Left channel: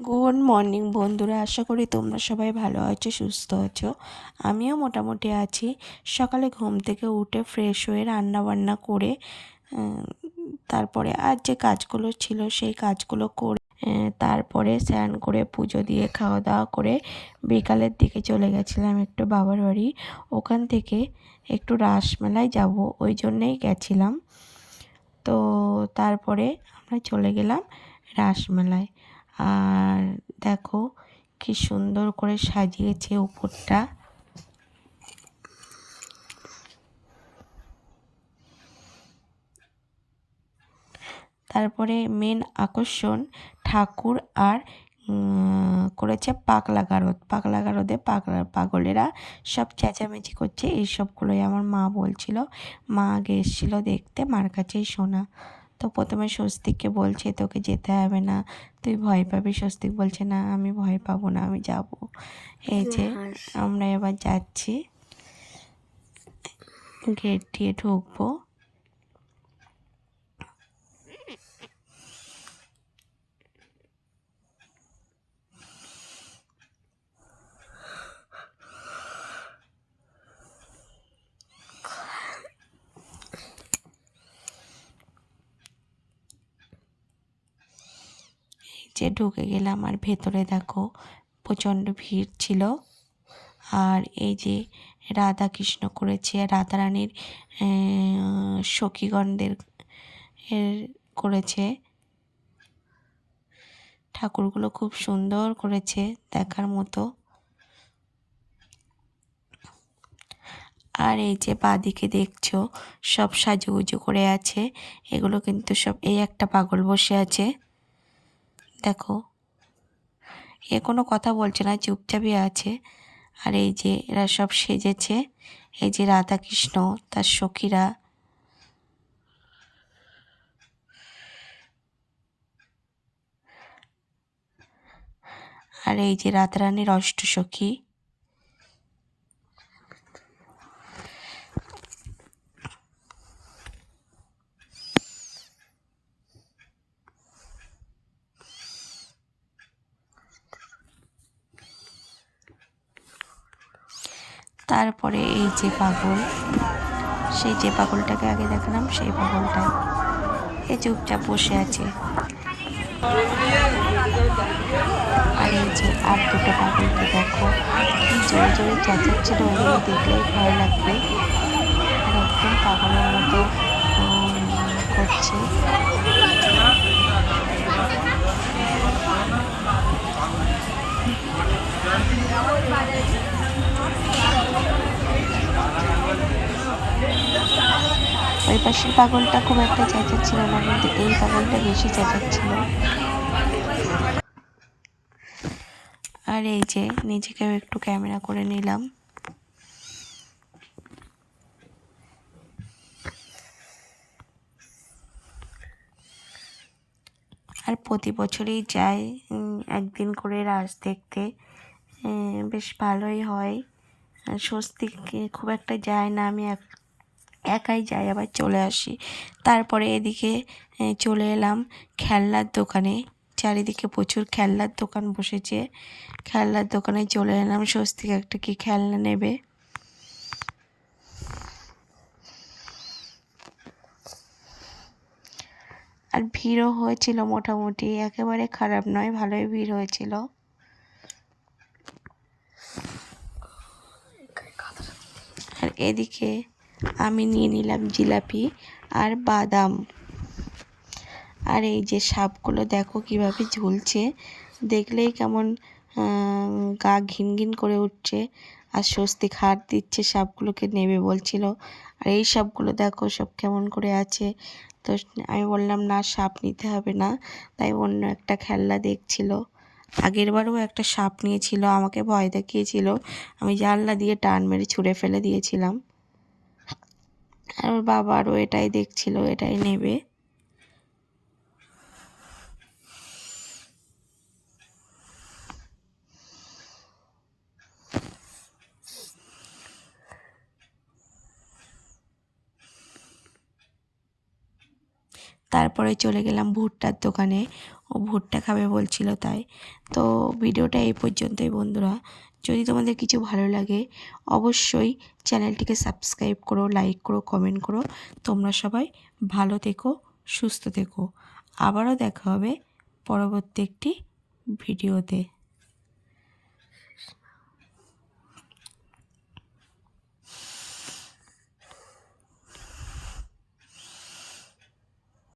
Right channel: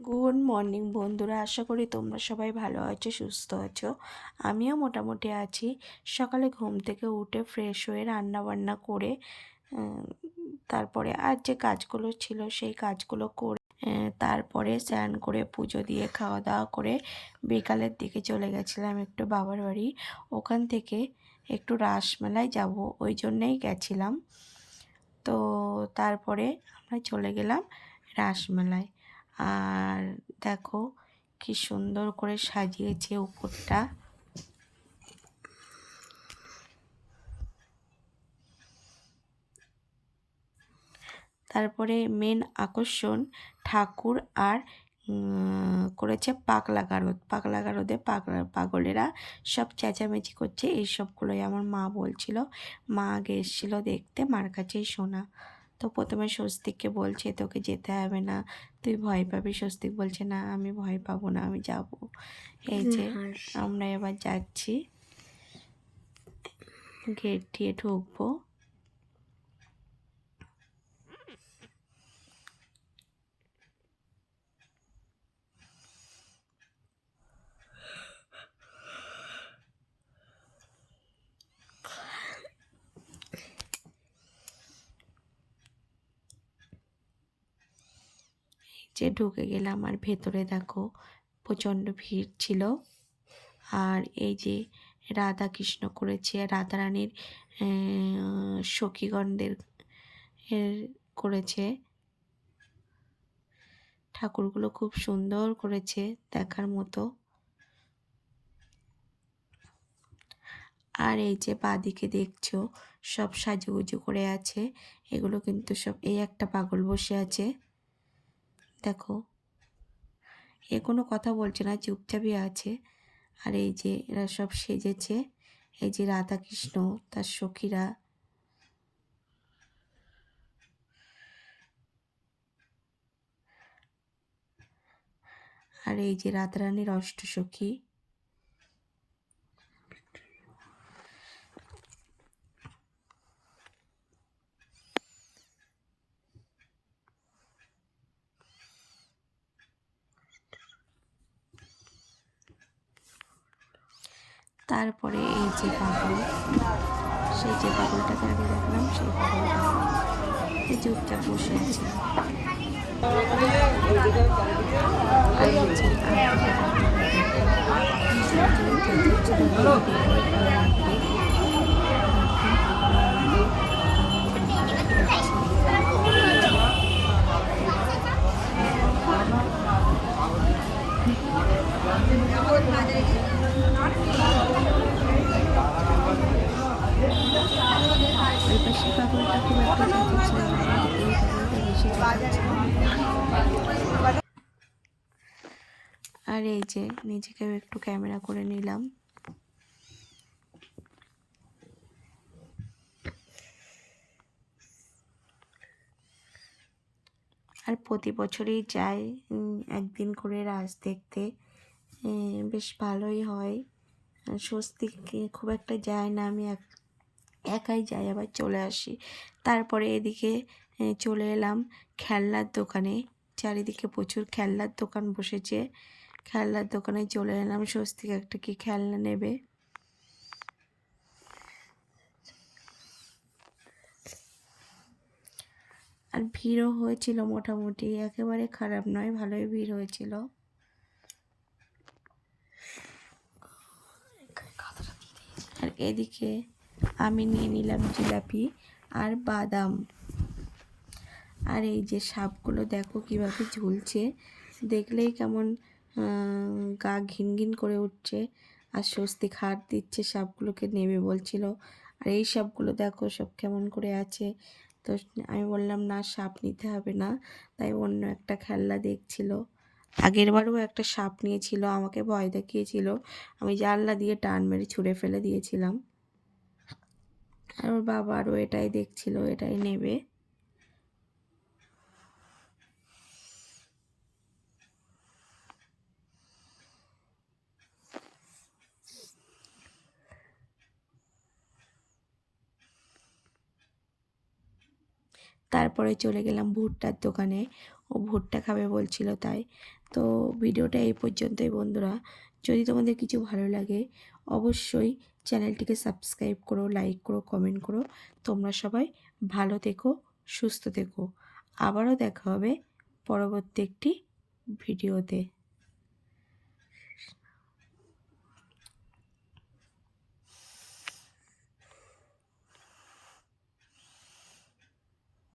Good morning বন্ধুরা, আশা করি তোমরা সবাই ভালো আছো, সুস্থ আছো। আমিও মোটামুটি আছি। সকালে ঘুম থেকে উঠে ফ্রেশ হয়ে রান্না বান্না করে তারপরে আর যে কাজগুলো ছিল সেই কাজগুলো করে তারপরে স্নান করে পুজো দিয়ে খাওয়া দাওয়া করে বিকালের দিকে চলে গেছিলাম একটু বাবার বাড়ি। ওখান থেকে একটু রাসমেলায় যাব, ওই জন্যেই গেছিলাম। তো তারপরে আমরা চলে গেলাম রাসমেলায়। আর দেখো কি সুন্দর করে সাজিয়েছে উপরটা। তারপরে মেন আকর্ষণ ঠাকুর আর করেছে পাগলা গারদ। পাগলা গারদে পাগলেরা সব চেঁচামেচি করছে, এইসবগুলোই আমার মা বলছিল। মা আগে এসেছিলো দেখতে, মার কাছেই শোনা। তো প্রথমে স্বস্তিককে বলছে তোকে যেতে হবে না, তুই ভয় পাবি। স্বস্তিক বলছে না, আমি ভয় পাবো না, আমি যাব। এই যে আমরা এবার যাচ্ছি, গেট দিয়ে ঢুকবো। যে ঢুকে গেলাম, আর ভেতরে দেখো প্রচণ্ড ভিড় ছিল। আর এই যে রাধা কৃষ্ণ করেছে, রাধারানীর সখীগণদের করেছে। ঠাকুরগুলো খুব সুন্দর করেছে, দেখার মতো। আর এই যে বাঁদিকে দেখছো সব সাজুগুজু করে আছে, এগুলো কিন্তু সব, এই একটা পাগল বসে আছে দেখো, এ কোনো কথা বলছে না, চুপচাপই আছে। আর এই যে এরা সব সেজেছে, এই যে রাধা কৃষ্ণ তার সখীরা। আর এই যে রাধারানীর অষ্টসখী। তারপরে এই যে পাগল, সেই যে পাগলটাকে আগে দেখলাম, সেই পাগলটা এই চুপচাপ বসে আছে। আর এই যে আর দুটো পাগলকে দেখো কি জোরে জোরে চেঁচাচ্ছিল, ওগুলো দেখলেই ভয় লাগবে। আর একদম পাগলের মতো করছে। ওই পাশের পাগলটা খুব একটা চেঁচাচ্ছিল না, কিন্তু এই পাগলটা বেশি চেঁচাচ্ছিল। আর এই যে নিজেকেও একটু ক্যামেরা করে নিলাম। আর প্রতি বছরই যাই একদিন করে রাস দেখতে, বেশ ভালোই হয়। স্বস্তিক খুব একটা যায় না, আমি একাই যাই, আবার চলে আসি। তারপরে এদিকে চলে এলাম খেলনার দোকানে। চারিদিকে প্রচুর খেলনার দোকান বসেছে, খেলনার দোকানে চলে এলাম। স্বস্তিক একটা কি খেলনা নেবে। আর ভিড়ও হয়েছিল মোটামুটি, একেবারে খারাপ নয়, ভালোই ভিড় হয়েছিল। আর এদিকে আমি নিয়ে নিলাম জিলাপি আর বাদাম। আর এই যে সাপগুলো দেখো কিভাবে ঝুলছে, দেখলেই কেমন গা ঘিন ঘিন করে উঠছে। আর স্বস্তিক হাত দিচ্ছে, সাপগুলোকে নেবে বলছিল। আর এই সাপগুলো দেখো সব কেমন করে আছে। তো আমি বললাম না, সাপ নিতে হবে না, তাই অন্য একটা খেলনা দেখছিল। আগেরবারও একটা সাপ নিয়েছিল, আমাকে ভয় দেখিয়েছিল, আমি জানলা দিয়ে টান মেরে ছুঁড়ে ফেলে দিয়েছিলাম। আর ওর বাবা আরও এটাই দেখছিল, এটাই নেবে। তারপরে চলে গেলাম ভুট্টার দোকানে, ও ভুট্টা খাবে বলছিল তাই। তো ভিডিওটা এই পর্যন্তই বন্ধুরা। যদি তোমাদের কিছু ভালো লাগে অবশ্যই চ্যানেলটিকে সাবস্ক্রাইব করো, লাইক করো, কমেন্ট করো। তোমরা সবাই ভালো থেকো, সুস্থ থেকো। আবারও দেখা হবে পরবর্তী একটি ভিডিওতে।